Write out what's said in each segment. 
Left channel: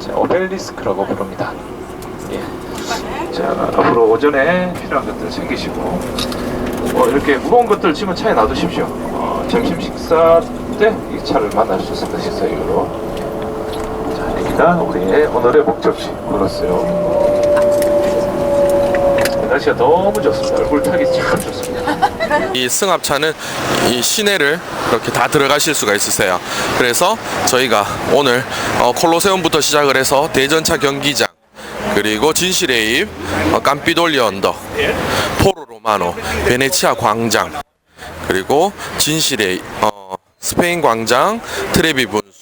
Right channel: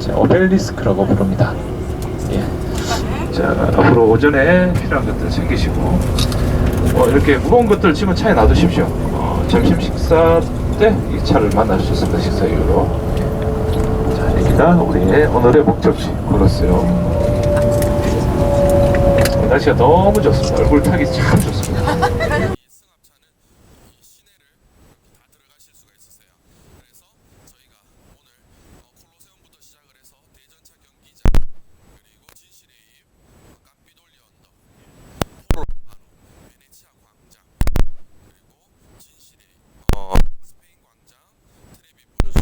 자, 오벨리스크라고 부릅니다. 예. 자, 앞으로 오전에 필요한 것들 챙기시고 이렇게 무거운 것들 지금 차에 놔두십시오. 점심 식사 때 이 차를 만날 수 있습니다. 식사 이후로. 자, 여기가 우리의 오늘의 목적지 콜로세움. 날씨가 너무 좋습니다. 얼굴 타기 참 좋습니다. 이 승합차는 이 시내를 이렇게 다 들어가실 수가 있으세요. 그래서 저희가 오늘 콜로세움부터 시작을 해서 대전차 경기장, 그리고 진실의 입, 깜피돌리오 언덕, 포로 로마노, 베네치아 광장, 그리고 진실의 스페인 광장, 트레비 분수,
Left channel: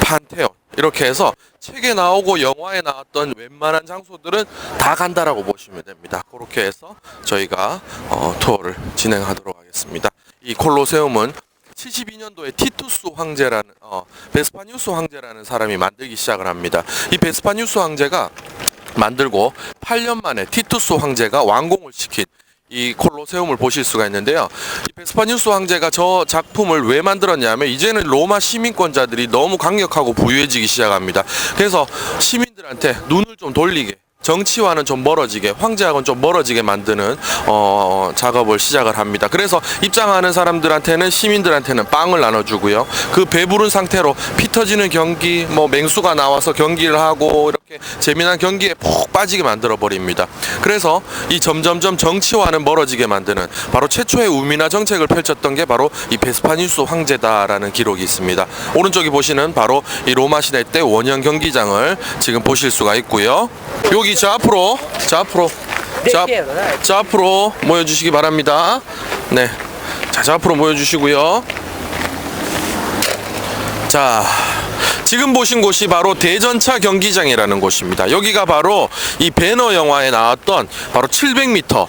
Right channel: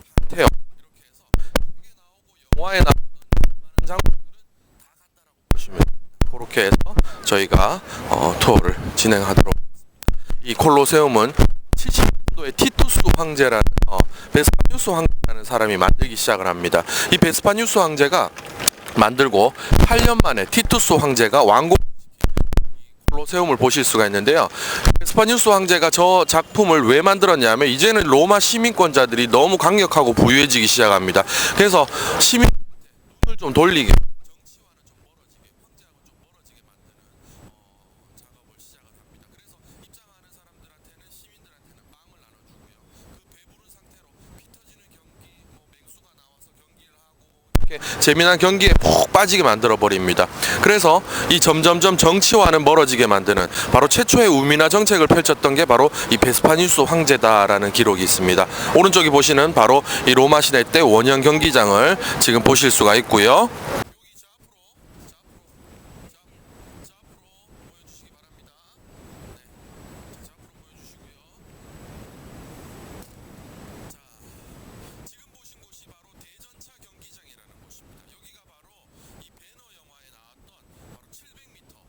판테온, 이렇게 해서 책에 나오고 영화에 나왔던 웬만한 장소들은 다 간다라고 보시면 됩니다. 그렇게 해서 저희가 투어를 진행하도록 하겠습니다. 이 콜로세움은 72년도에 티투스 황제라는 베스파뉴스 황제라는 사람이 만들기 시작을 합니다. 이 베스파뉴스 황제가 만들고 8년 만에 티투스 황제가 완공을 시킨 이 콜로세움을 보실 수가 있는데요. 베스파뉴스 황제가 저 작품을 왜 만들었냐면 이제는 로마 시민권자들이 너무 강력하고 부유해지기 시작합니다. 그래서 시민들한테 눈을 좀 돌리게, 정치와는 좀 멀어지게, 황제하고는 좀 멀어지게 만드는 작업을 시작을 합니다. 그래서 입장하는 사람들한테는, 시민들한테는 빵을 나눠주고요. 그 배부른 상태로 피 터지는 경기, 맹수가 나와서 경기를 하고 이렇게 재미난 경기에 푹 빠지게 만들어 버립니다. 그래서 이 점점점 정치와는 멀어지게 만드는 바로 최초의 우민화 정책을 펼쳤던 게 바로 이 베스파뉴스 황제다라는 기록이 있습니다. 오른쪽에 보시는 바로 이 로마 시대 때 원형 경기장을 지금 보실 수가 있고요. 여기 저 앞으로 모여주시기 바랍니다. 네, 자 앞으로 모여주시고요. 자, 지금 보신 곳이 바로 대전차 경기장이라는 곳입니다. 여기가 바로 이 배너 영화에 나왔던 바로 700m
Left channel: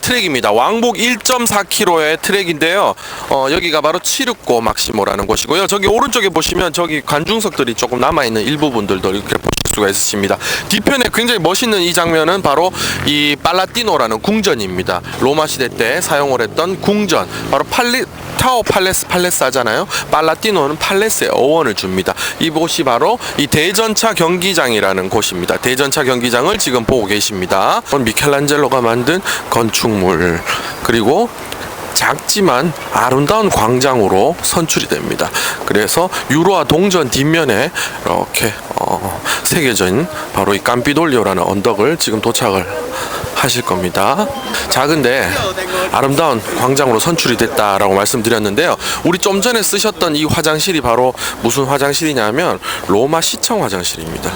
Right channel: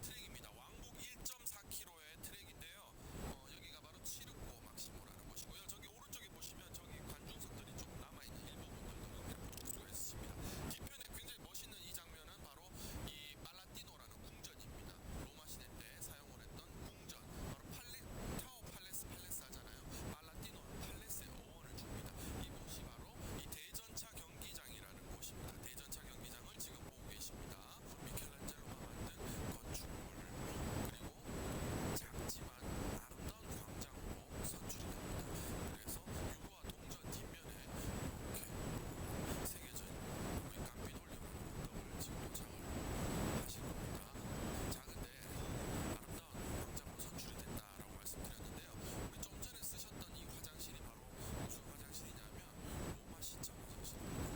트랙입니다. 왕복 1.4km의 트랙인데요. 여기가 바로 치르코 막시모라는 곳이고요. 저기 오른쪽에 보시면 저기 관중석들이 조금 남아있는 일부분들도 이렇게 보실 수가 있으십니다. 뒤편에 굉장히 멋있는 이 장면은 바로 이 팔라티노라는 궁전입니다. 로마 시대 때 사용을 했던 궁전, 바로 타워 팔레스 하잖아요. 팔라티노는 팔레스의 어원을 줍니다. 이곳이 바로 이 대전차 경기장이라는 곳입니다. 대전차 경기장을 지금 보고 계십니다. 미켈란젤로가 만든 건축물, 그리고 작지만 아름다운 광장으로 선출이 됩니다. 그래서 유로와 동전 뒷면에 이렇게 새겨진 바로 이 깜피돌리오라는 언덕을 지금 도착을 하실 겁니다. 작은데 아름다운 광장으로 선출이 됐다라고 말씀드렸는데요. 우리 좀 전에 쓰셨던 이 화장실이 바로 무슨 화장실이냐면 로마 시청 화장실입니다.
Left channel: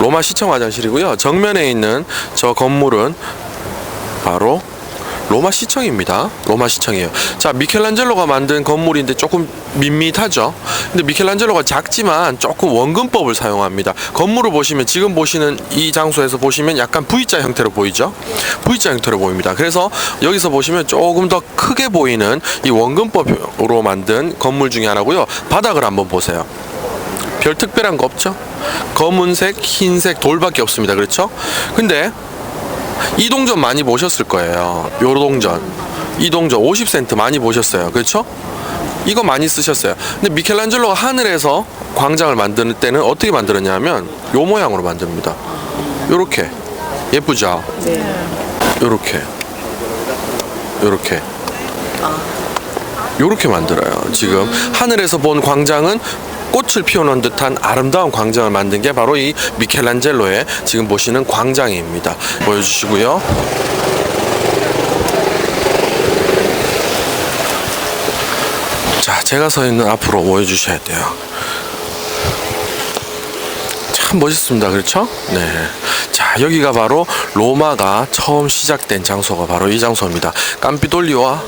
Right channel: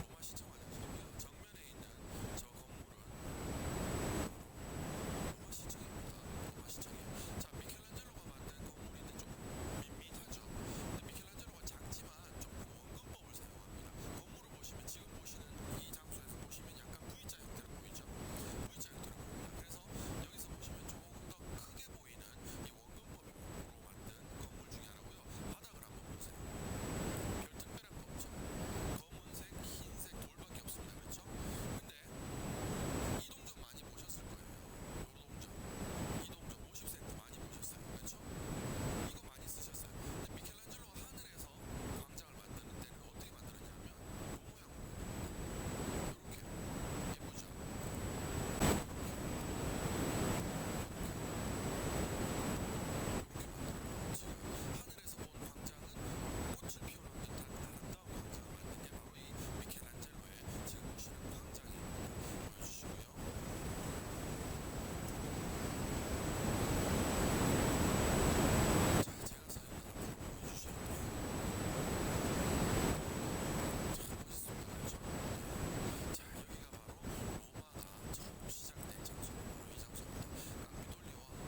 로마 시청 화장실이고요. 정면에 있는 저 건물은 바로 로마 시청입니다. 로마 시청이에요. 자, 미켈란젤로가 만든 건물인데 조금 밋밋하죠. 근데 미켈란젤로가 작지만 조금 원근법을 사용합니다. 건물을 보시면 지금 보시는 이 장소에서 보시면 약간 V자 형태로 보이죠. V자 형태로 보입니다. 그래서 여기서 보시면 조금 더 크게 보이는 이 원근법으로 만든 건물 중에 하나고요. 바닥을 한번 보세요. 별 특별한 거 없죠? 검은색, 흰색 돌밖에 없습니다. 그렇죠? 근데 이 동전 많이 보셨을 거예요. 요 동전, 이 동전 50센트 많이 보셨어요. 그렇죠? 이거 많이 쓰셨어요. 근데 미켈란젤로가 하늘에서 광장을 만드는 때는 어떻게 만들었냐면 요 모양으로 만듭니다. 요렇게. 예쁘죠? 네. 요렇게 만들어요. 지금 하늘에서 본 광장은 꽃을 피워놓은 듯한 아름다운 광장을 만든 게 바로 이 미켈란젤로의 지금 보시는 광장입니다. 보여주시고요. 자, 제가 서 있는 앞으로 모여주셔야 돼요. 참 멋있습니다. 그렇죠? 네. 자, 여기가 바로 로마가 처음 시작된 장소가 바로 이 장소입니다. 깜피돌리오와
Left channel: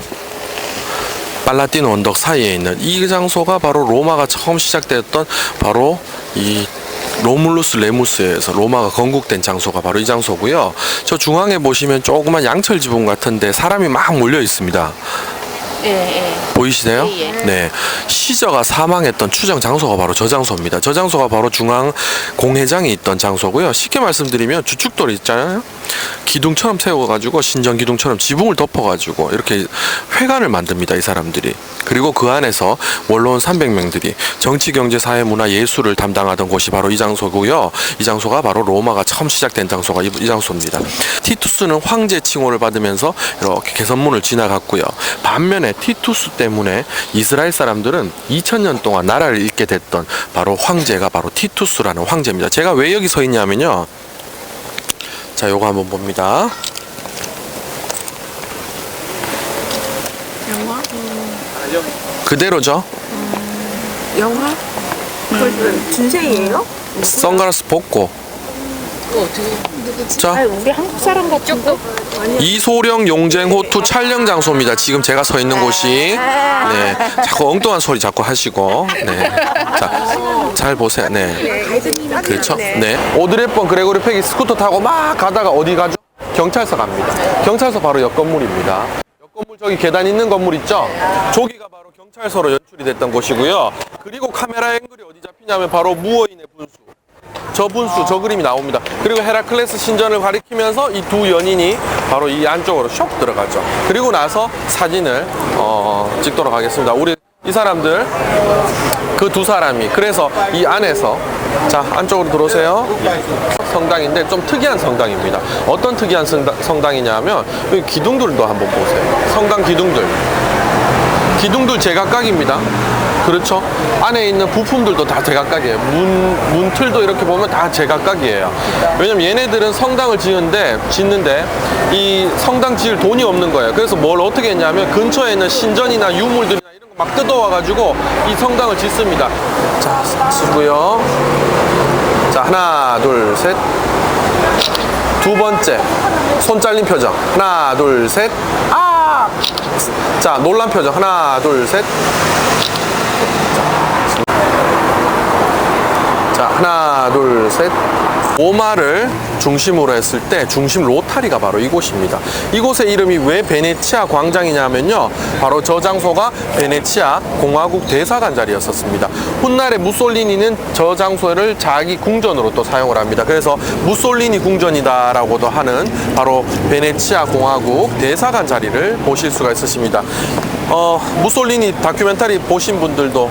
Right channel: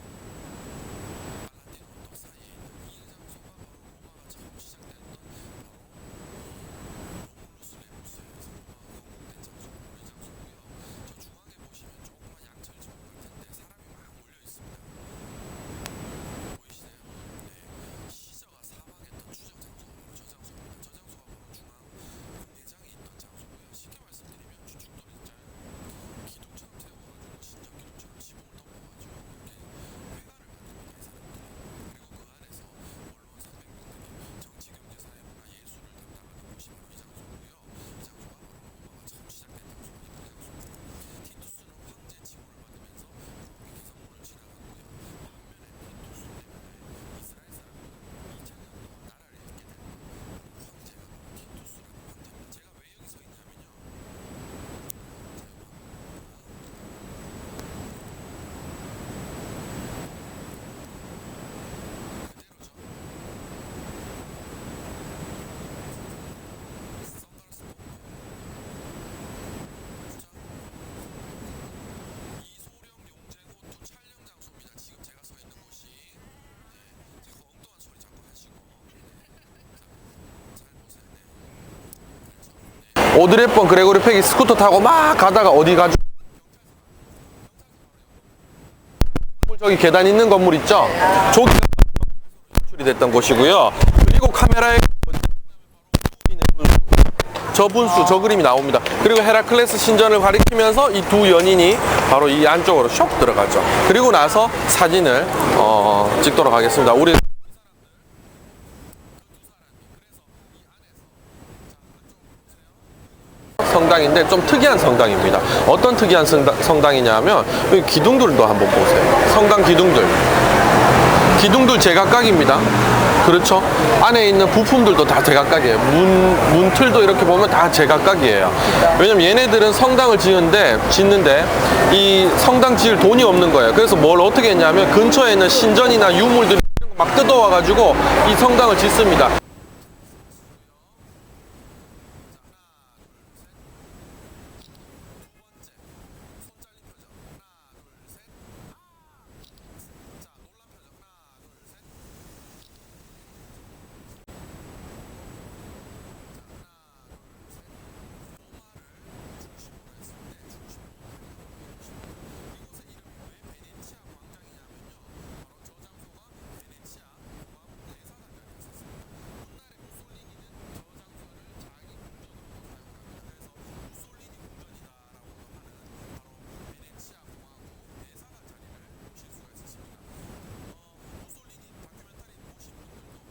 팔라티노 언덕 사이에 있는 이 장소가 바로 로마가 처음 시작되었던 바로 이 로물루스 레무스에서 로마가 건국된 장소가 바로 이 장소고요. 저 중앙에 보시면 조그만 양철 지붕 같은데 사람이 막 몰려 있습니다. 보이시나요? 네. 시저가 사망했던 추정 장소가 바로 저 장소입니다. 저 장소가 바로 중앙 공회장이 있던 장소고요. 쉽게 말씀드리면 주축돌 있잖아요. 기둥처럼 세워가지고 신전 기둥처럼 지붕을 덮어가지고 이렇게 회관을 만듭니다. 이 사람들이. 그리고 그 안에서 원로원 300명들이 정치, 경제, 사회, 문화, 예술을 담당하던 곳이 바로 이 장소고요. 이 장소가 바로 로마가 처음 시작된 장소가 이 장소입니다. 티투스는 황제 칭호를 받으면서 이렇게 개선문을 지나갔고요. 반면에 티투스 때문에 이스라엘 사람들은 2000년 동안 나라를 잇게 됐던 바로 황제가 바로 티투스라는 황제입니다. 제가 왜 여기 서 있냐면요. 자, 요거 한번 봅니다. 영화? 그대로죠. 영화? 준생이에요? 선글라스 벗고. 자, 우리 한국 사람 같은데? 이소령 용쟁호투 촬영 장소입니다. 지금 제가 서 있는 곳이. 네, 자꾸 엉뚱한 소리 자꾸 하시고. 네, 자, 잘 보세요. 네, 그렇죠. 네, 오드리 헵번, 그레고리 팩이 스쿠터 타고 막 가다가 어디 가죠? 경찰서 갑니다. 경찰서 바로 옆 건물입니다. 옆 건물 저기 계단 있는 건물 있죠? 저기가 바로 경찰서로 연출이 됐던 곳이고요. 그리고 카메라의 끌이 어디 잡히냐면 바로 무어인의 분수. 저 분수, 저 그림이 나옵니다. 그리고 헤라클레스 신전을 가리키면서 이 두 연인이 바로 이 안쪽으로 쇽 들어가죠. 그리고 나서 사진을 찍도록 하겠습니다. 우리 이 사람들, 그 두 사람이 그래서 이 안에서, 자, 안쪽으로 들어오세요. 성당인데 좀 특이한 성당입니다. 어떤 특이한 성당이냐면 여기 기둥들도 한번 보세요. 성당 기둥들 제각각입니다. 그렇죠. 안에 있는 부품들도 다 제각각이에요. 문틀도 이렇게 보면 다 제각각이에요. 왜냐면 얘네들은 성당을 짓는데 이 성당 지을 돈이 없는 거예요. 그래서 뭘 어떻게 했냐면 근처에 있는 신전이나 유물들이나 이런 거 막 뜯어와가지고 이 성당을 짓습니다. 자, 쓰고요. 자, 하나, 둘, 셋. 두 번째, 손 잘린 표정. 하나, 둘, 셋. 아! 자, 놀란 표정. 하나, 둘, 셋. 자, 하나, 둘, 셋. 로마를 중심으로 했을 때 중심 로타리가 바로 이곳입니다. 이곳의 이름이 왜 베네치아 광장이냐면요. 바로 저 장소가 베네치아 공화국 대사관 자리였었습니다. 훗날에 무솔리니는 저 장소를 자기 궁전으로 또 사용을 합니다. 그래서 무솔리니 궁전이다라고도 하는 바로 베네치아 공화국 대사관 자리를 보실 수가 있으십니다. 무솔리니 다큐멘터리 보신 분들도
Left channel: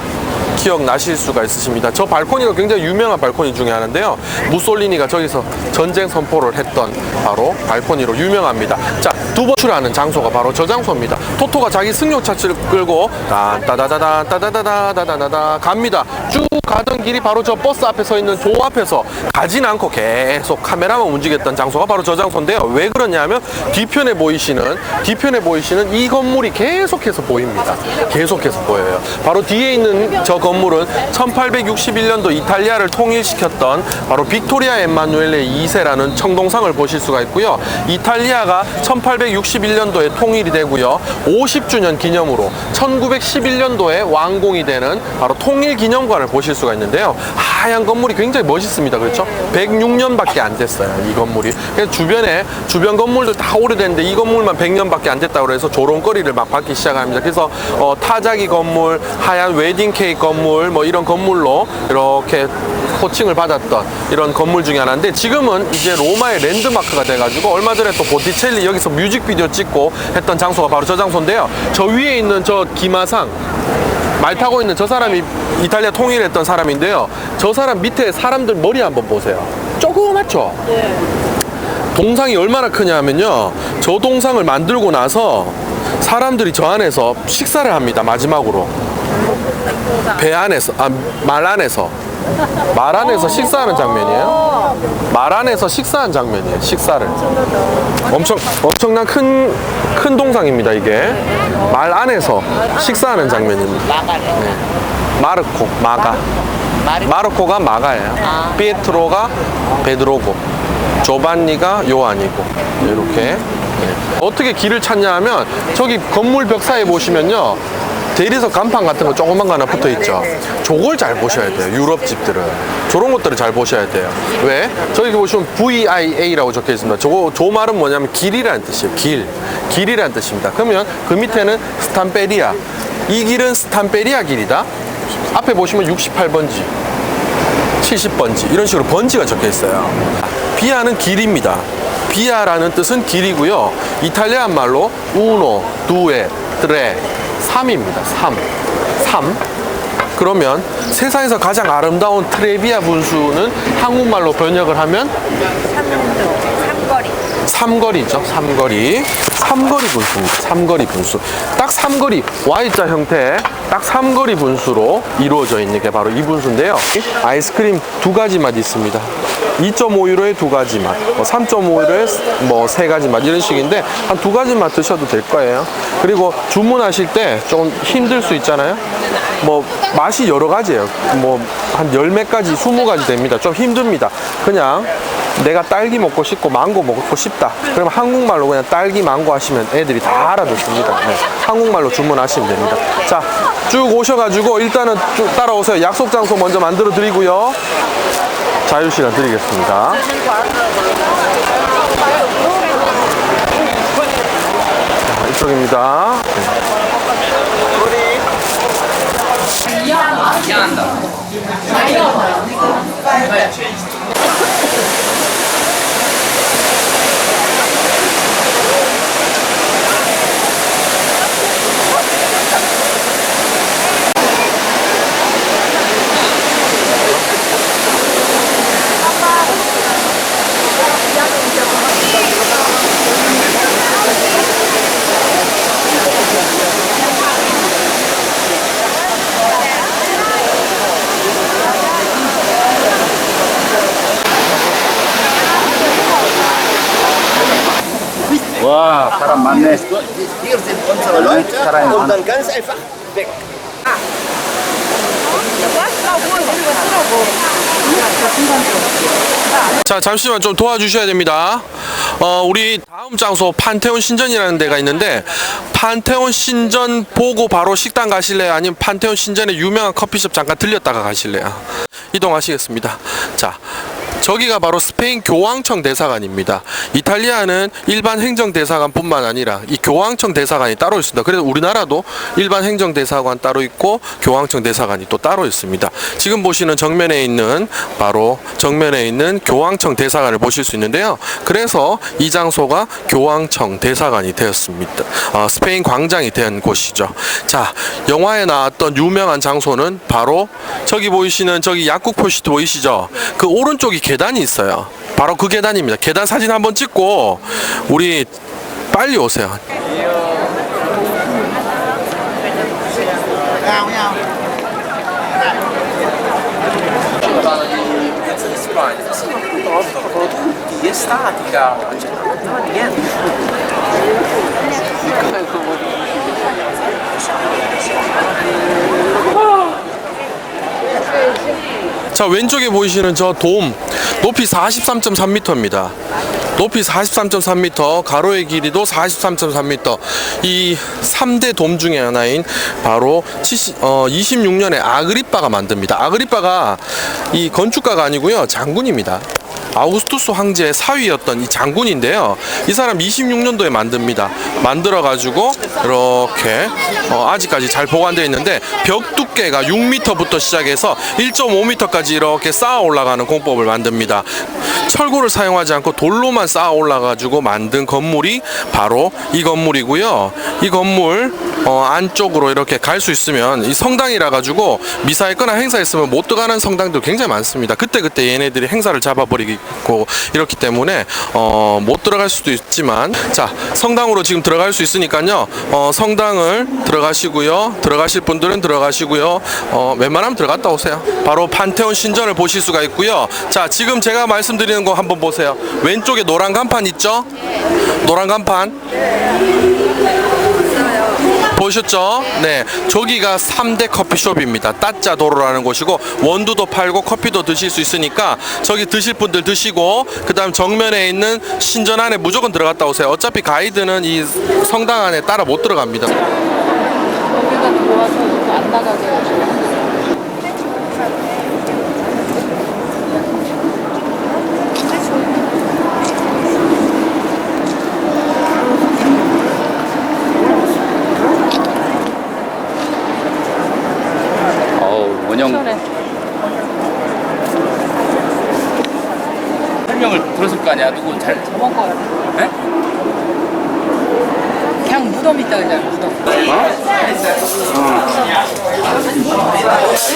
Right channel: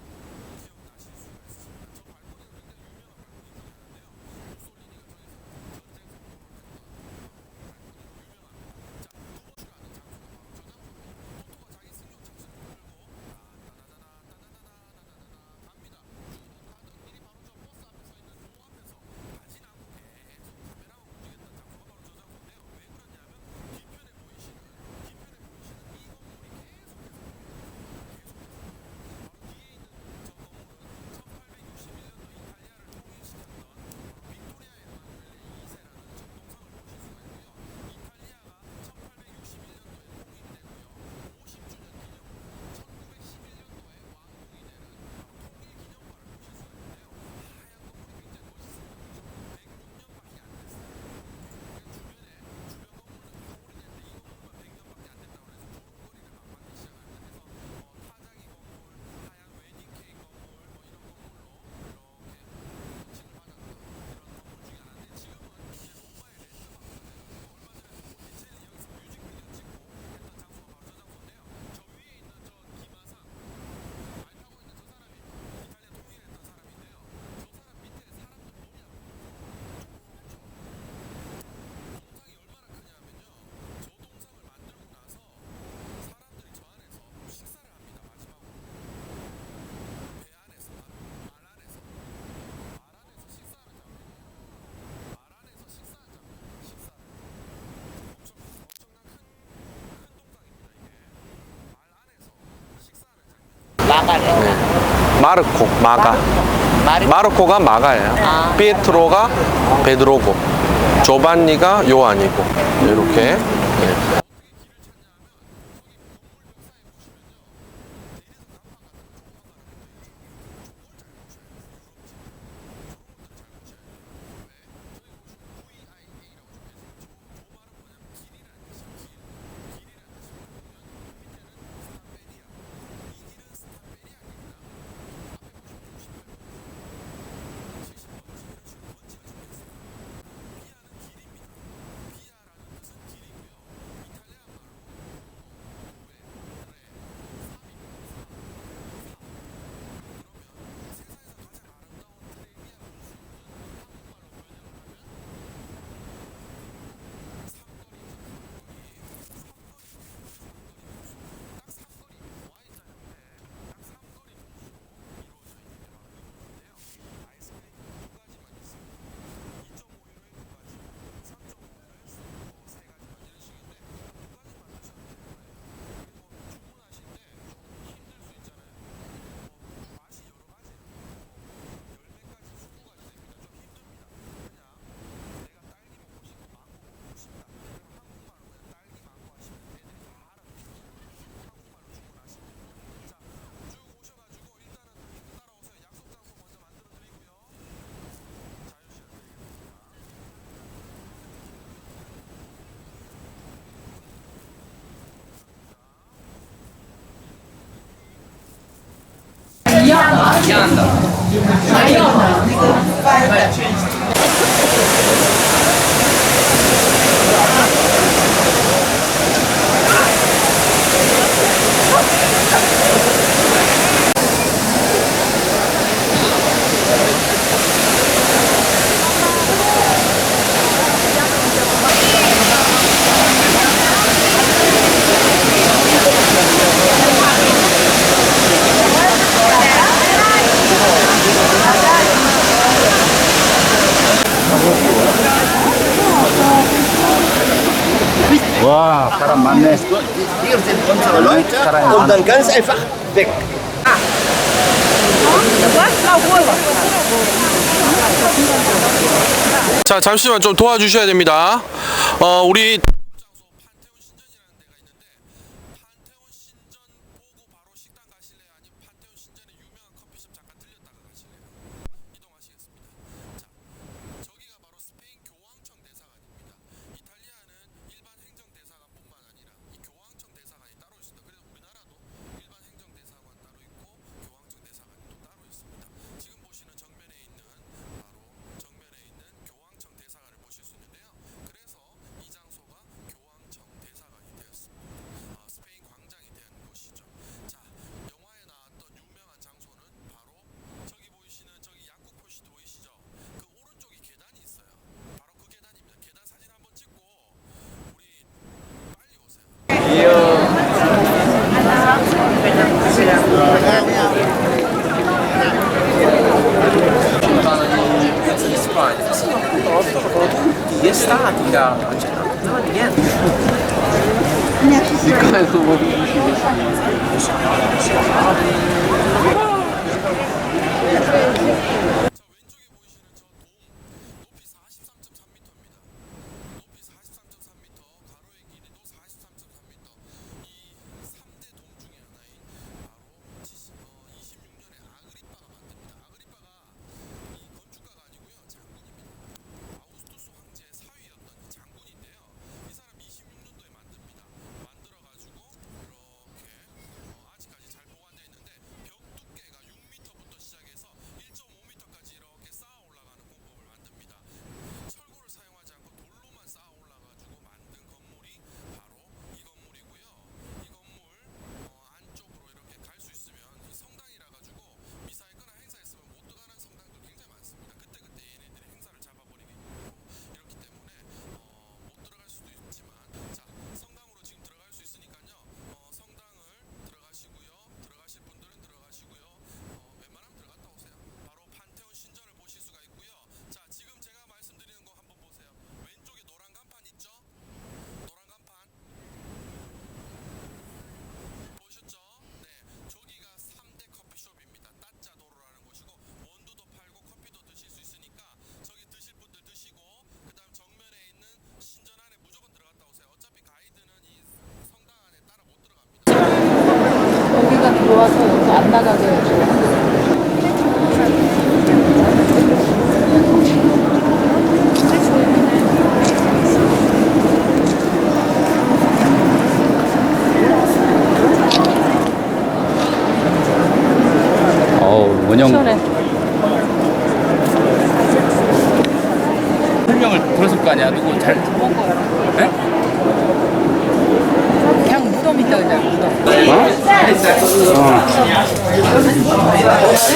기억나실 수가 있으십니다. 저 발코니가 굉장히 유명한 발코니 중에 하나인데요. 무솔리니가 저기서 전쟁 선포를 했던 바로 발코니로 유명합니다. 자, 두 번째 하는 장소가 바로 저 장소입니다. 토토가 자기 승용차를 끌고 따다다다 갑니다. 쭉 가던 길이 바로 저 버스 앞에 서 있는 조 앞에서 가진 않고 계속 카메라만 움직였던 장소가 바로 저 장소인데요. 왜 그러냐면 뒤편에 보이시는 이 건물이 계속해서 보입니다. 계속해서 보여요. 바로 뒤에 있는 저 건물은 1861년도 이탈리아를 통일시켰던 바로 빅토리아 엠마누엘레 2세라는 청동상을 보실 수가 있고요. 이탈리아가 1861년도에 통일이 되고요. 50주년 기념으로 1911년도에 완공이 되는 바로 통일기념관을 보실 수가 있는데요. 하얀 건물이 굉장히 멋있습니다. 그렇죠? 106년밖에 안 됐어요. 이 건물이. 그래서 주변 건물들 다 오래됐는데 이 건물만 100년밖에 안 됐다고 해서 조롱거리를 막 받기 시작합니다. 그래서 타자기 건물, 하얀 웨딩 케이크 건물, 뭐 이런 건물로 이렇게 호칭을 받았던 이런 건물 중에 하나인데 지금은 이제 로마의 랜드마크가 돼가지고 얼마 전에 또 보티첼리 여기서 뮤직비디오 찍고 했던 장소가 바로 저 장소인데요. 저 위에 있는 저 기마상, 말 타고 있는 저 사람이 이탈리아 통일했던 사람인데요. 저 사람 밑에 사람들 머리 한번 보세요. 조그맣죠? 네. 동상이 얼마나 크냐면요. 저 동상을 만들고 나서 사람들이 저 안에서 식사를 합니다. 마지막으로. 배 안에서, 말 안에서 식사하는 장면이에요. 말 안에서 식사한 장면이에요. 식사를. 엄청난 큰 동상입니다. 이게 말 안에서 식사하는 장면입니다. 마가래. 네. 마르코, 마가. 마르코가 마가예요. 피에트로가 베드로고, 조반니가 요한이고 이렇게. 네. 어떻게 길을 찾냐 하면 저기 건물 벽 사이에 보시면요. 대리석 간판 같은 거 조그만 거 하나 붙어 있죠. 저걸 잘 보셔야 돼요. 유럽 집들은 저런 것들을 잘 보셔야 돼요. 왜? 저기 보시면 VIA라고 적혀 있습니다. 저 말은 뭐냐면 길이라는 뜻이에요. 길이라는 뜻입니다. 그러면 그 밑에는 스탄페리아. 이 길은 스탄페리아 길이다. 앞에 보시면 68번지, 70번지 이런 식으로 번지가 적혀 있어요. 비아는 길입니다. 비아라는 뜻은 길이고요. 이탈리안 말로 uno, due, tre, 3입니다. 3. 그러면 세상에서 가장 아름다운 트레비아 분수는 한국말로 번역을 하면 삼거리죠. 삼거리 분수입니다. 삼거리 분수. 딱 삼거리 Y자 형태, 딱 삼거리 분수로 이루어져 있는 게 바로 이 분수인데요. 아이스크림 두 가지 맛 있습니다. 2.5유로에 두 가지 맛, 3.5유로에 뭐 세 가지 맛 이런 식인데 한 두 가지 맛 드셔도 될 거예요. 그리고 주문하실 때 좀 힘들 수 있잖아요. 뭐 맛이 여러 가지예요. 뭐 한 열 몇 가지, 20가지 됩니다. 좀 힘듭니다. 그냥 내가 딸기 먹고 싶고 망고 먹고 싶다. 그러면 한국말로 그냥 딸기 망고 하시면 애들이 다 알아듣습니다. 네. 한국말로 주문하시면 됩니다. 자, 쭉 오셔가지고 일단은 쭉 따라오세요. 약속 장소 먼저 만들어 드리고요. 자유 시간 드리겠습니다. 자, 이쪽입니다. 와, 사람 많네. Hier sind unsere Leute und dann ganz einfach weg. 자, 잠시만 좀 도와주셔야 됩니다. 우리 다음 장소 판테온 신전이라는 데가 있는데 판테온 신전 보고 바로 식당 가실래요? 아니면 판테온 신전의 유명한 커피숍 잠깐 들렸다가 가실래요? 이동하시겠습니다. 자, 저기가 바로 스페인 교황청 대사관입니다. 이탈리아는 일반 행정 대사관뿐만 아니라 이 교황청 대사관이 따로 있습니다. 그래서 우리나라도 일반 행정 대사관 따로 있고 교황청 대사관이 또 따로 있습니다. 지금 보시는 정면에 있는 바로 정면에 있는 교황청 대사관을 보실 수 있는데요. 그래서 이 장소가 교황청 대사관이 되었습니다. 스페인 광장이 된 곳이죠. 자, 영화에 나왔던 유명한 장소는 바로 저기 보이시는 저기 약국 표시 보이시죠? 그 오른쪽이 계단이 있어요. 바로 그 계단입니다. 계단 사진 한번 찍고 우리 빨리 오세요. 자, 왼쪽에 보이시는 저 돔 높이 43.3m입니다. 높이 43.3m, 가로의 길이도 43.3m. 이 3대 돔 중에 하나인 바로 26년에 아그리빠가 만듭니다. 아그리빠가 이 건축가가 아니고요, 장군입니다. 아우구스투스 황제의 사위였던 이 장군인데요. 이 사람 26년도에 만듭니다. 만들어 가지고 이렇게 아직까지 잘 보관되어 있는데 벽 두께가 6m부터 시작해서 1.5m까지 이렇게 쌓아 올라가는 공법을 만듭니다. 철골을 사용하지 않고 돌로만 쌓아 올라 가지고 만든 건물이 바로 이 건물이고요. 이 건물 안쪽으로 이렇게 갈 수 있으면 이 성당이라 가지고 미사 있거나 행사 있으면 못 들어가는 성당도 굉장히 많습니다. 그때 얘네들이 행사를 잡아버리고 이렇기 때문에 못 들어갈 수도 있지만, 자, 성당으로 지금 들어갈 수 있으니까요. 성당을 들어가시고요. 들어가실 분들은 들어가시고요. 웬만하면 들어갔다 오세요. 바로 판테온 신전을 보실 수가 있고요. 자, 지금 제가 말씀드리는 거 한번 보세요. 왼쪽에 노란 간판 있죠? 노란 간판 보셨죠? 네, 저기가 3대 커피숍입니다. 따짜도로라는 곳이고 원두도 팔고 커피도 드실 수 있으니까 저기 드실 분들 드시고, 그 다음 정면에 있는 신전 안에 무조건 들어갔다 오세요. 어차피 가이드는 이 성당 안에 따라 못 들어갑니다. 여기가 들어와서 여기 안 나가게 해줘. 원형 시원해. 설명을 들었을 거 아니야. 누구 잘 저번 거 같아. 네? 그냥 무덤 있다 그냥 무덤.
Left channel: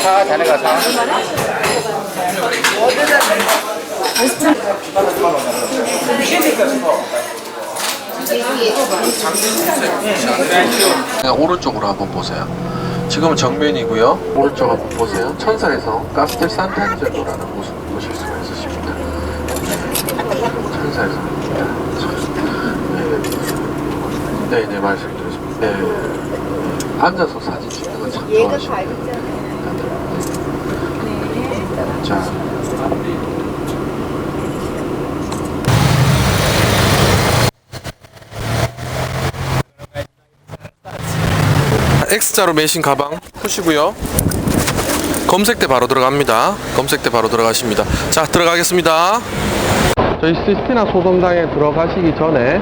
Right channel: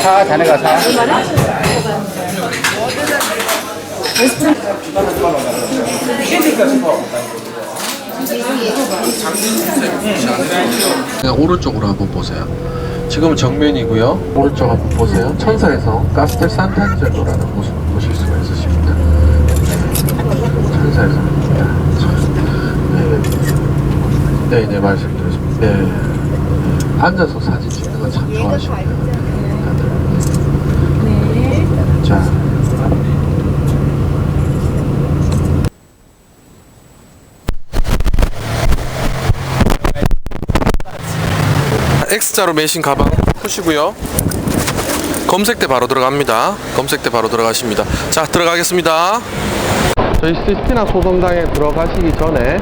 사 자네가 사. 오른쪽으로 한번 보세요. 지금은 정면이고요. 오른쪽 한번 보세요. 천사에서 카스텔 산탄젤로라는 곳을 보실 수가 있으십니다. 천사에서 네, 말씀드렸습니다. 네. 앉아서 사진 찍는 건 참 좋아하십니다. 자. X자로 매신 가방 푸시고요. 검색대 바로 들어갑니다. 검색대 바로 들어가십니다. 자, 들어가겠습니다. 저희 시스티나 소dom당에 들어가시기 전에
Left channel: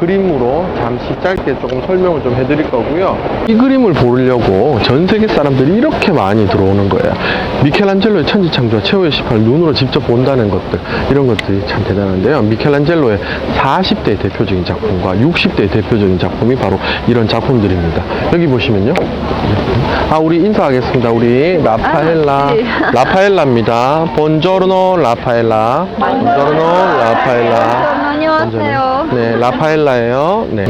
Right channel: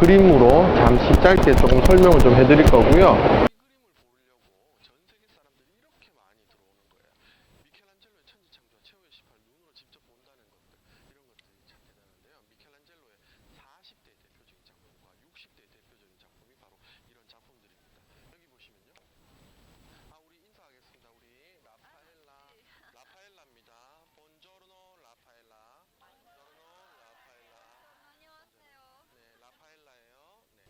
그림으로 잠시 짧게 조금 설명을 좀 해드릴 거고요. 이 그림을 보려고 전 세계 사람들이 이렇게 많이 들어오는 거예요. 미켈란젤로의 천지창조와 최후의 18을 눈으로 직접 본다는 것들, 이런 것들이 참 대단한데요. 미켈란젤로의 40대의 대표적인 작품과 60대의 대표적인 작품이 바로 이런 작품들입니다. 여기 보시면요. 우리 인사하겠습니다. 우리 라파엘라. 라파엘라입니다. 본조르노 라파엘라. 본조르노 라파엘라. 안녕하세요. 네, 라파엘라예요. 네.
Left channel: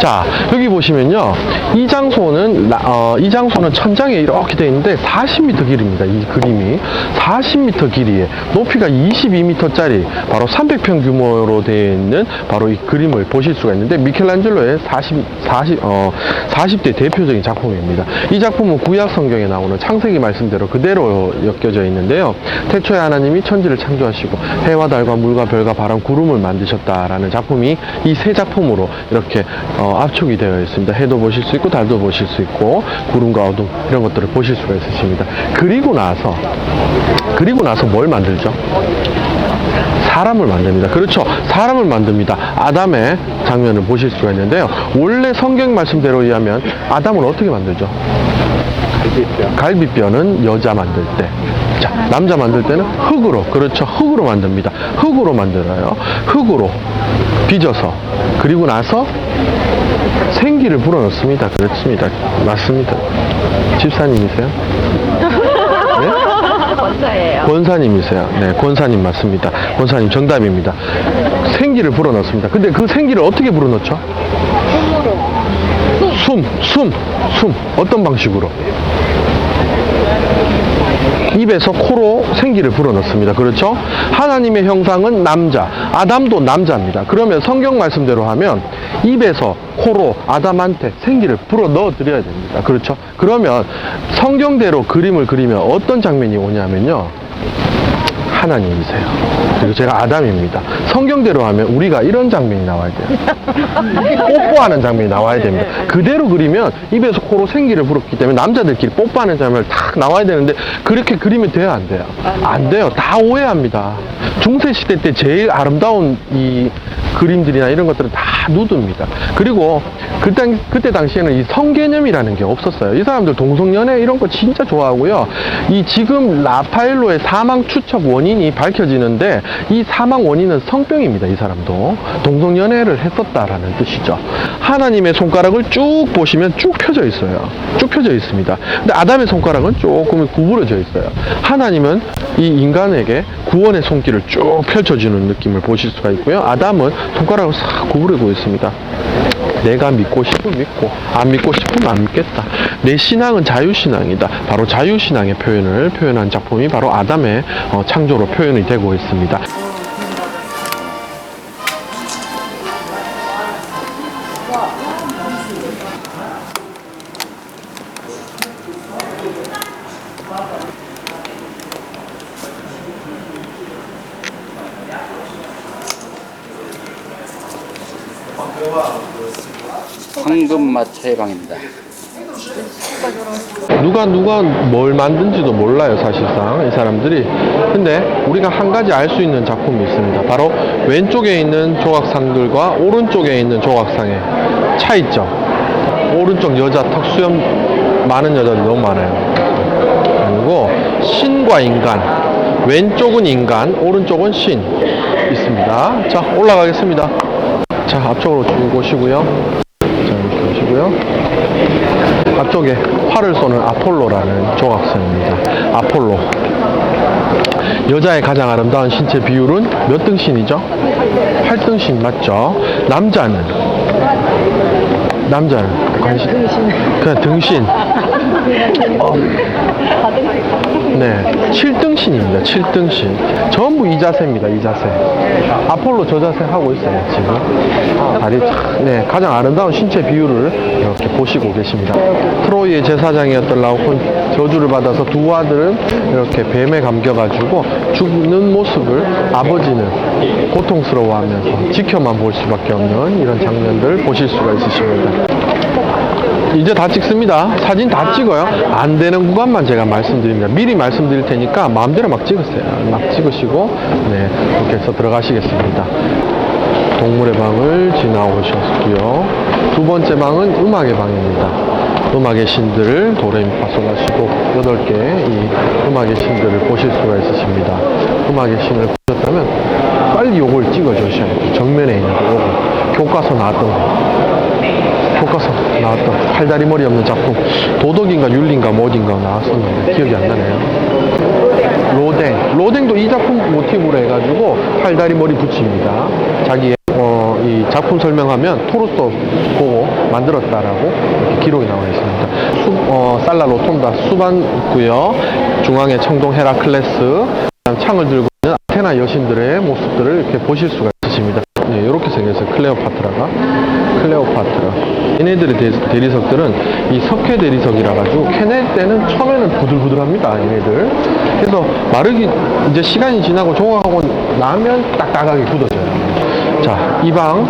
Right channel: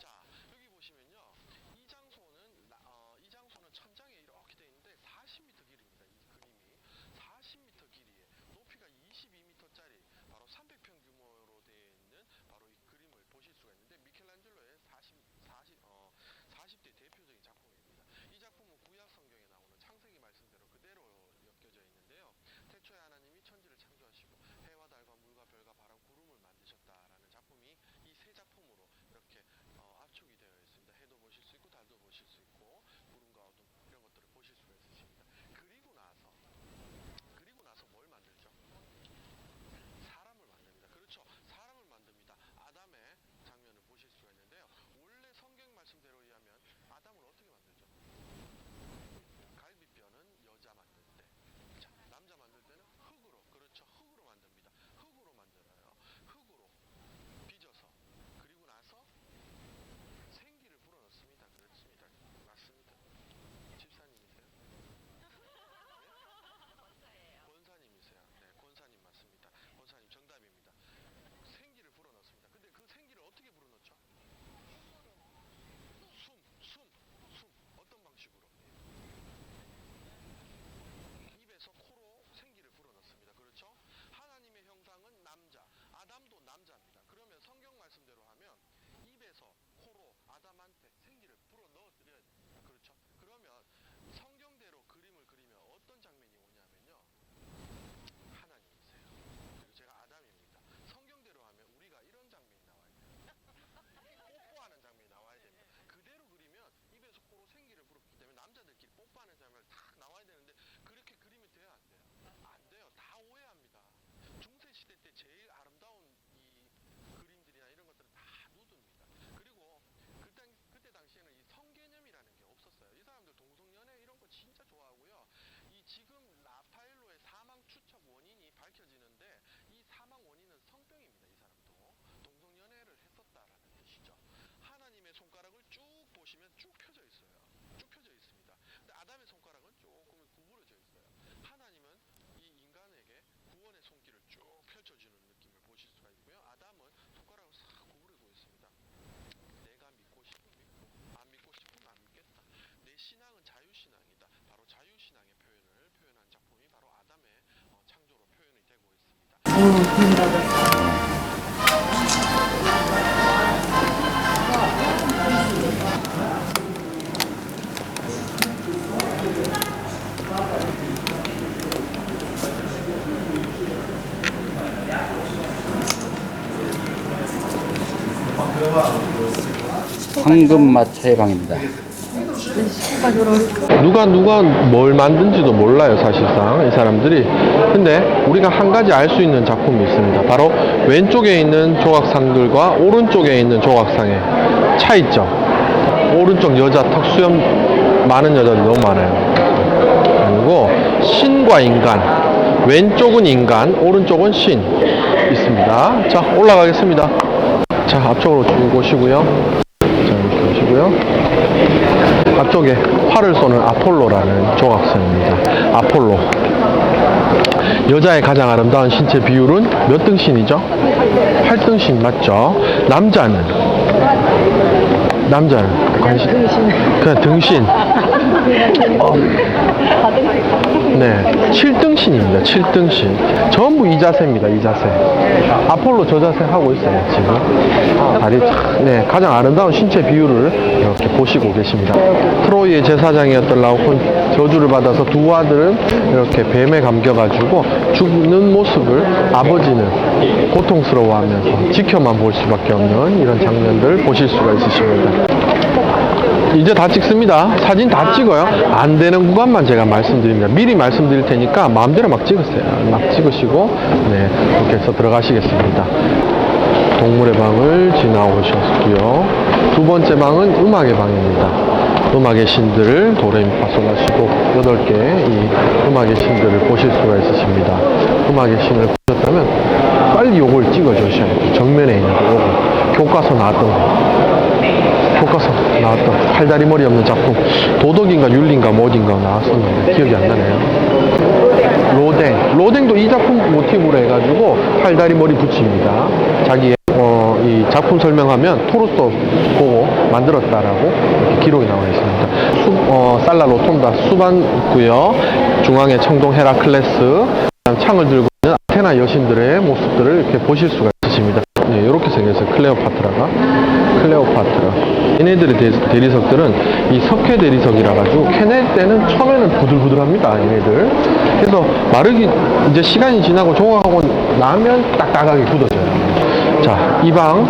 자, 여기 보시면요. 이 장소는 천장에 이렇게 되어 있는데 40m 길입니다. 이 그림이 40m 길이에 높이가 22m짜리 바로 300평 규모로 되어 있는 바로 이 그림을 보실 수가 있는데 미켈란젤로의 40대 대표적인 작품입니다. 이 작품은 구약 성경에 나오는 창세기 말씀대로 그대로 엮여져 있는데요. 태초에 하나님이 천지를 창조하시고 해와 달과 물과 별과 바람 구름을 만드셨다라는 작품이 이 세 작품으로 이렇게 압축이 되어 있습니다. 해도 보실 수 있고 달도 보실 수 있고 구름과 어둠 이런 것들을 보실 수가 있으십니다. 그리고 나서 뭘 만들죠? 사람을 만듭니다. 그렇죠. 사람을 만듭니다. 아담의 장면을 보실 수가 있는데요. 원래 성경 말씀대로 의하면 아담을 어떻게 만들죠? 갈비뼈는 여자 만들 때, 자, 남자 만들 때는 흙으로, 그렇죠. 흙으로 만듭니다. 흙으로 만들어요. 흙으로 빚어서, 그리고 나서 생기를 불어넣습니다. 그렇습니다. 맞습니다. 집사님이세요? 네? 권사예요. 권사님이세요. 네, 권사님 맞습니다. 권사님 정답입니다. 생기를 불어넣습니다. 근데 그 생기를 어떻게 불어넣죠? 숨. 어떤 방식으로? 입에서 코로 생기를 불어넣습니다. 그렇죠? 하나님의 형상은 남자, 아담도 남자입니다. 그러면 성경 말씀대로 하면 입에서 코로 아담한테 생기를 불어넣어 드려야 됩니다. 그렇죠? 그러면 성경대로 그림을 그리면 어떤 장면이 오냐면요. 하나님이세요. 그리고 제가 아담입니다. 성경대로 하면 우리가 이런 장면이 나와야 돼요. 뽀뽀하는 장면이 나와야 됩니다. 그대로 그리면 입에서 코로 생기를 불었기 때문에 남자들끼리 뽀뽀하는 장면을 딱 나와야 되는데 그렇게 그리면 돼요, 안 돼요? 안 돼요. 다 오해합니다. 중세시대 때 제일 아름다운 이 그림들이나 이런 것들은 다 누드입니다. 그리고 그때 당시에는 이 성개념이라는 게 없었어요. 이 사람들 동성연애 이런 거 진짜 좋아하고요. 이 지금 라파엘로의 사망 추측 원인이 밝혀지는데 이 사망 원인은 성병입니다. 이 사람도 동성연애를 했었다라는 뜻이죠. 하나님의 손가락을 쭉 보시면 쭉 펴져 있어요. 쭉 펴져 있습니다. 근데 아담의 손가락은 조금 구부러져 있어요. 하나님은 이 인간에게 구원의 손길을 쭉 펼쳐주는 느낌을 보실 수가 있고요. 아담은 손가락을 싹 구부리고 있습니다. 내가 믿고 싶으면 믿고 안 믿고 싶으면 안 믿겠다. 내 신앙은 자유신앙이다. 바로 자유신앙의 표현을 표현한 작품이 바로 아담의 창조로 표현이 되고 있습니다. 황금맛 차회방입니다. 누가 뭘 만든지도 몰라요, 사실상 이 사람들이. 근데 우리가 한 가지 알 수 있는 작품이 있습니다. 바로 왼쪽에 있는 조각상들과 오른쪽에 있는 조각상의 차이점. 오른쪽 여자 턱수염 많은 여자들이 너무 많아요. 그리고 신과 인간, 왼쪽은 인간, 오른쪽은 신 있습니다. 자, 올라가겠습니다. 자, 앞쪽으로 쭉 오시고요. 자, 이렇게 오시고요. 앞쪽에 활을 쏘는 아폴로라는 조각선입니다. 아폴로. 여자의 가장 아름다운 신체 비율은 몇 등신이죠? 8등신 맞죠? 남자는 관심 그냥 등신. 네, 7등신입니다. 7등신. 전부 이 자세입니다. 이 자세. 아폴로 저 자세 하고 있어요. 지금 다리 네, 가장 아름다운 신체 비율을 이렇게 보시고 계십니다. 트로이의 제사장이었던 라오콘 저주를 받아서 두 아들은 이렇게 뱀에 감겨가지고 죽는 모습을 아버지는 고통스러워하면서 지켜만 볼 수밖에 없는 이런 장면들 보실 수가 있으십니다. 이제 다 찍습니다. 사진 다 찍어요. 안 되는 구간만 제가 말씀드립니다. 미리 말씀드릴 테니까 마음대로 막 찍으세요. 막 찍으시고 네, 이렇게 해서 들어가시겠습니다. 동물의 방을 지나오셨고요. 두 번째 방은 음악의 방입니다. 음악의 신들을 도레미파솔라시도 8개 이 음악의 신들을 보실 수가 있으십니다. 음악의 신을 보셨다면 빨리 요걸 찍어주셔야 돼요. 정면에 있는 거 요거. 교과서 나왔던 거. 교과서 나왔던 팔다리 머리 없는 작품 도덕인가 윤리인가 뭐인가 나왔었는데 기억이 안 나네요. 로댕도 이 작품 모티브로 해가지고 팔다리 머리 붙입니다. 자기의 이 작품 설명하면 토르소 보고 만들었다라고 이렇게 기록이 나와 있습니다. 살라 로톤다 수반 있고요. 중앙에 청동 헤라클레스, 창을 들고 있는 아테나 여신들의 모습들을 이렇게 보실 수가 있으십니다. 네, 이렇게 생겼어요. 클레오파트라. 얘네들의 대리석들은 이 석회 대리석이라 가지고 캐낼 때는 처음에는 부들부들합니다. 얘네들. 그래서 마르기 이제 시간이 지나고 조각하고 나면 딱딱하게 굳어져요. 자, 이 방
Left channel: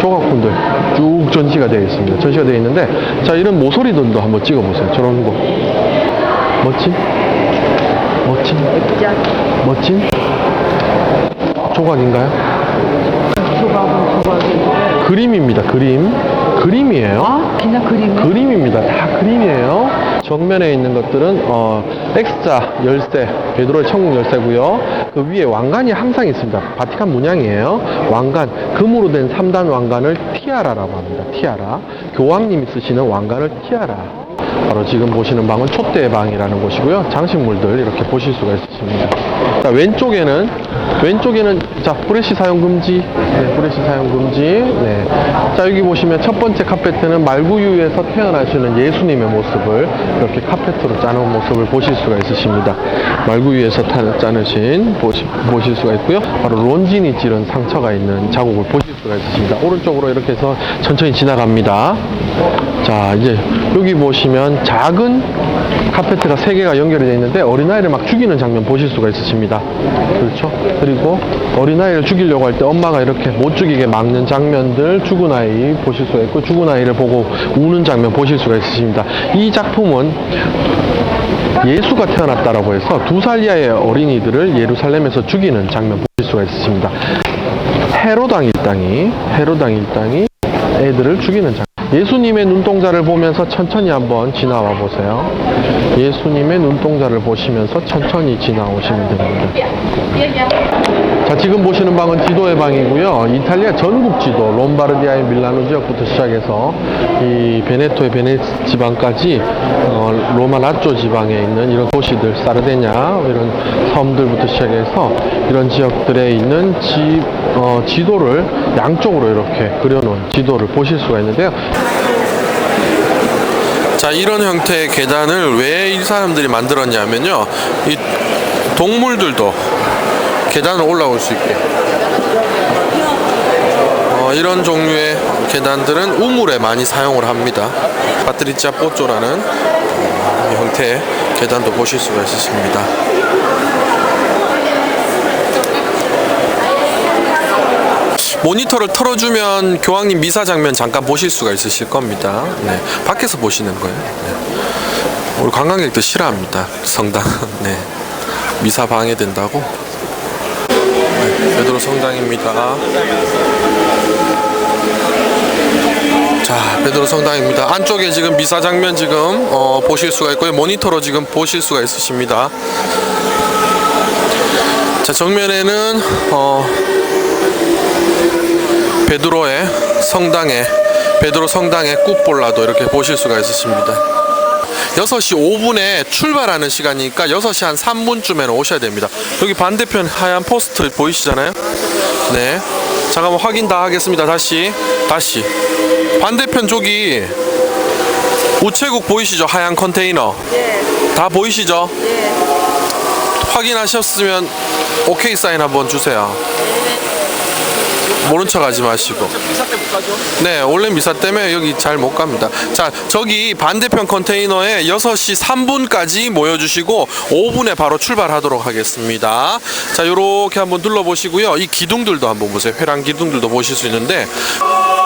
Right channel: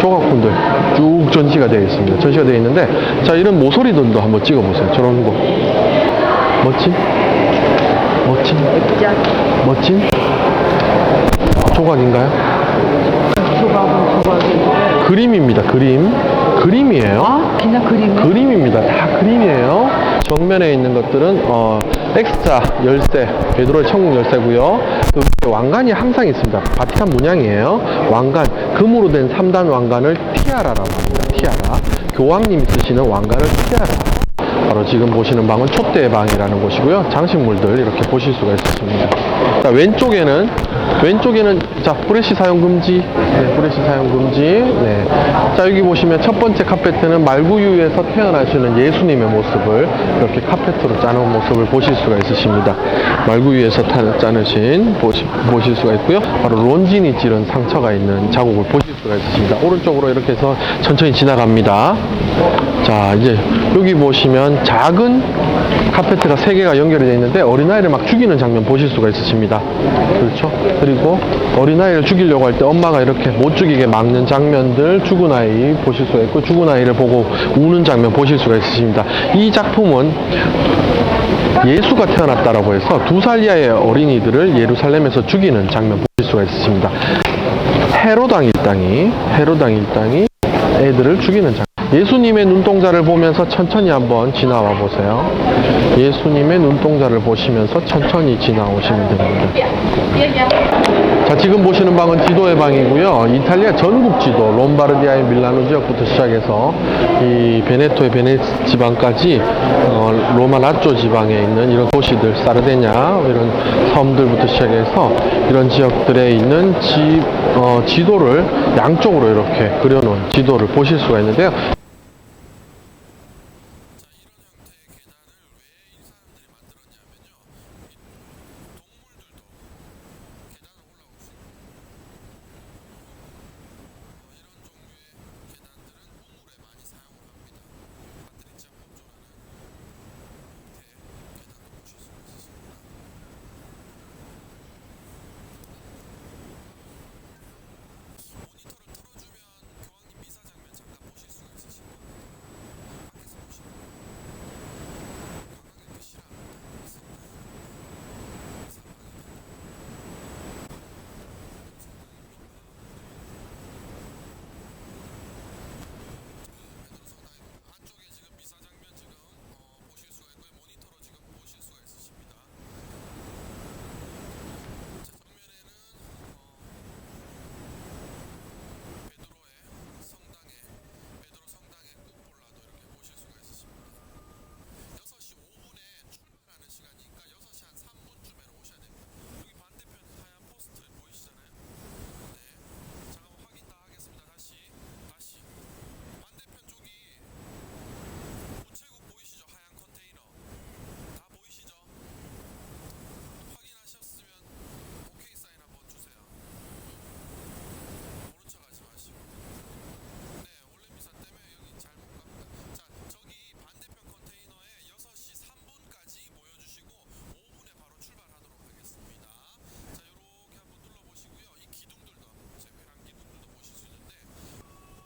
조각품들 쭉 전시가 되어 있습니다. 전시가 되어 있는데 자, 이런 모서리들도 한번 찍어보세요. 저런 거 멋진 조각인가요? 그림입니다. 그림이에요. 그냥 그림입니다. 다 그림이에요. 정면에 있는 것들은 X자 열쇠, 베드로의 천국 열쇠고요. 그 위에 왕관이 항상 있습니다. 바티칸 문양이에요. 왕관, 금으로 된 3단 왕관을 티아라라고 합니다. 티아라. 교황님이 쓰시는 왕관을 티아라. 바로 지금 보시는 방은 촛대의 방이라는 곳이고요. 장식물들 이렇게 보실 수가 있습니다. 자, 왼쪽에는 자, 브레시 사용 금지. 네, 브레시 사용 금지. 네. 자, 여기 보시면 첫 번째 카페트는 말구유에서 태어나시는 예수님의 모습을 이렇게 카페트로 짜놓은 모습을 보실 수가 있으십니다. 말구유에서 짜내신 보실 수가 있고요. 바로 론진이 찌른 상처가 있는 자국을 보실 수가 있으십니다. 오른쪽으로 이렇게 해서 천천히 지나갑니다. 자, 이제 여기 보시면 작은 카페트가 3개가 연결이 되어 있는데 어린아이를 막 죽이는 장면 보실 수가 있으십니다. 그렇죠? 그리고 어린아이를 죽이려고 할 때 엄마가 이렇게 못 죽이게 막는 장면들 죽은 아이 보실 수가 있고 죽은 아이를 보고 우는 장면 보실 수가 있으십니다. 이 작품은 예수가 태어났다라고 해서 2살 이하의 어린이들을 예루살렘에서 죽이는 장면 보실 수가 있으십니다. 헤로당 일당이 애들을 죽이는 장면. 예수님의 눈동자를 보면서 천천히 한번 지나와 보세요. 예수님의 눈동자를 보시면서 천천히 지나오시면 됩니다. 자, 지금 보시는 방은 지도의 방이고요. 이탈리아 전국 지도, 롬바르디아의 밀라노 지역부터 시작해서 이 베네토의 베네츠 지방까지 로마 라쪼 지방에 있는 이런 도시들, 사르데냐 이런 섬들부터 시작해서 이런 지역들에 있는 지도를 양쪽으로 이렇게 그려놓은 지도를 보실 수가 있는데요. 자, 이런 형태의 계단을 왜 이 사람들이 만들었냐면요, 이 동물들도 계단을 올라올 수 있게 이런 종류의 계단들은 우물에 많이 사용을 합니다. 파트리치아 뽀쪼라는 형태의 계단도 보실 수가 있으십니다. 모니터를 틀어주면 교황님 미사 장면 잠깐 보실 수가 있으실 겁니다. 네, 밖에서 보시는 거예요. 네. 우리 관광객들 싫어합니다. 성당. 네, 미사 방해된다고. 네, 베드로 성당입니다. 자, 베드로 성당입니다. 안쪽에 지금 미사 장면 지금 보실 수가 있고요. 모니터로 지금 보실 수가 있으십니다. 자, 정면에는 베드로의 성당에 베드로 성당의 굿볼라도 이렇게 보실 수가 있으십니다. 6시 5분에 출발하는 시간이니까 6시 한 3분쯤에는 오셔야 됩니다. 여기 반대편 하얀 포스트 보이시잖아요? 네. 잠깐만 확인 다 하겠습니다. 다시 반대편 저기 우체국 보이시죠? 하얀 컨테이너. 다 보이시죠? 확인하셨으면 오케이 사인 한번 주세요. 모른 척 하지 마시고. 네, 원래 미사 때문에 여기 잘 못 갑니다. 자, 저기 반대편 컨테이너에 6시 3분까지 모여주시고 5분에 바로 출발하도록 하겠습니다. 자, 요렇게 한번 둘러보시고요. 이 기둥들도 한번 보세요. 회랑 기둥들도 보실 수 있는데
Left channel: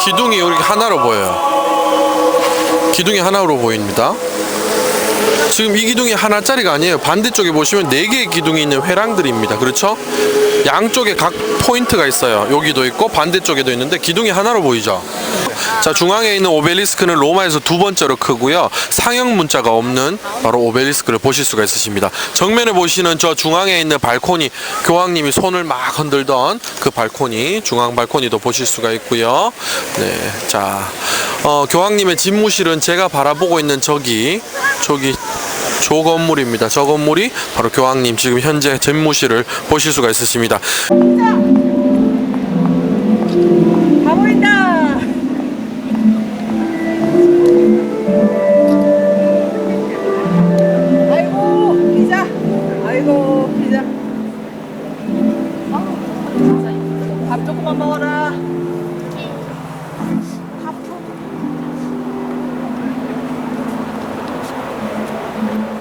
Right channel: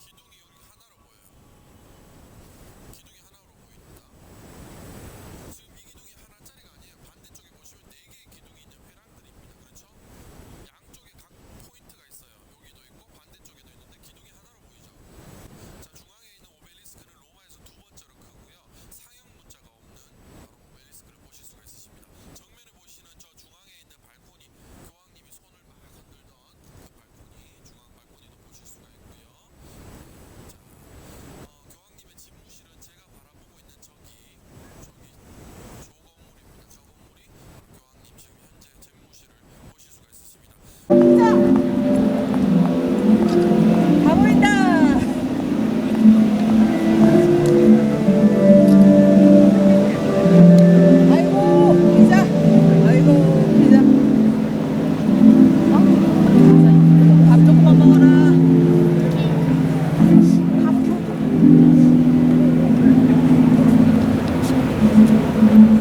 기둥이 이렇게 하나로 보여요. 기둥이 하나로 보입니다. 지금 이 기둥이 하나짜리가 아니에요. 반대쪽에 보시면 4개의 기둥이 있는 회랑들입니다. 그렇죠? 양쪽에 각 포인트가 있어요. 여기도 있고 반대쪽에도 있는데 기둥이 하나로 보이죠? 자, 중앙에 있는 오벨리스크는 로마에서 2번째로 크고요. 상형 문자가 없는 바로 오벨리스크를 보실 수가 있으십니다. 정면에 보시는 저 중앙에 있는 발코니, 교황님이 손을 막 흔들던 그 발코니, 중앙 발코니도 보실 수가 있고요. 네, 자, 교황님의 집무실은 제가 바라보고 있는 저기 저 건물입니다. 저 건물이 바로 교황님 지금 현재 집무실을 보실 수가 있으십니다.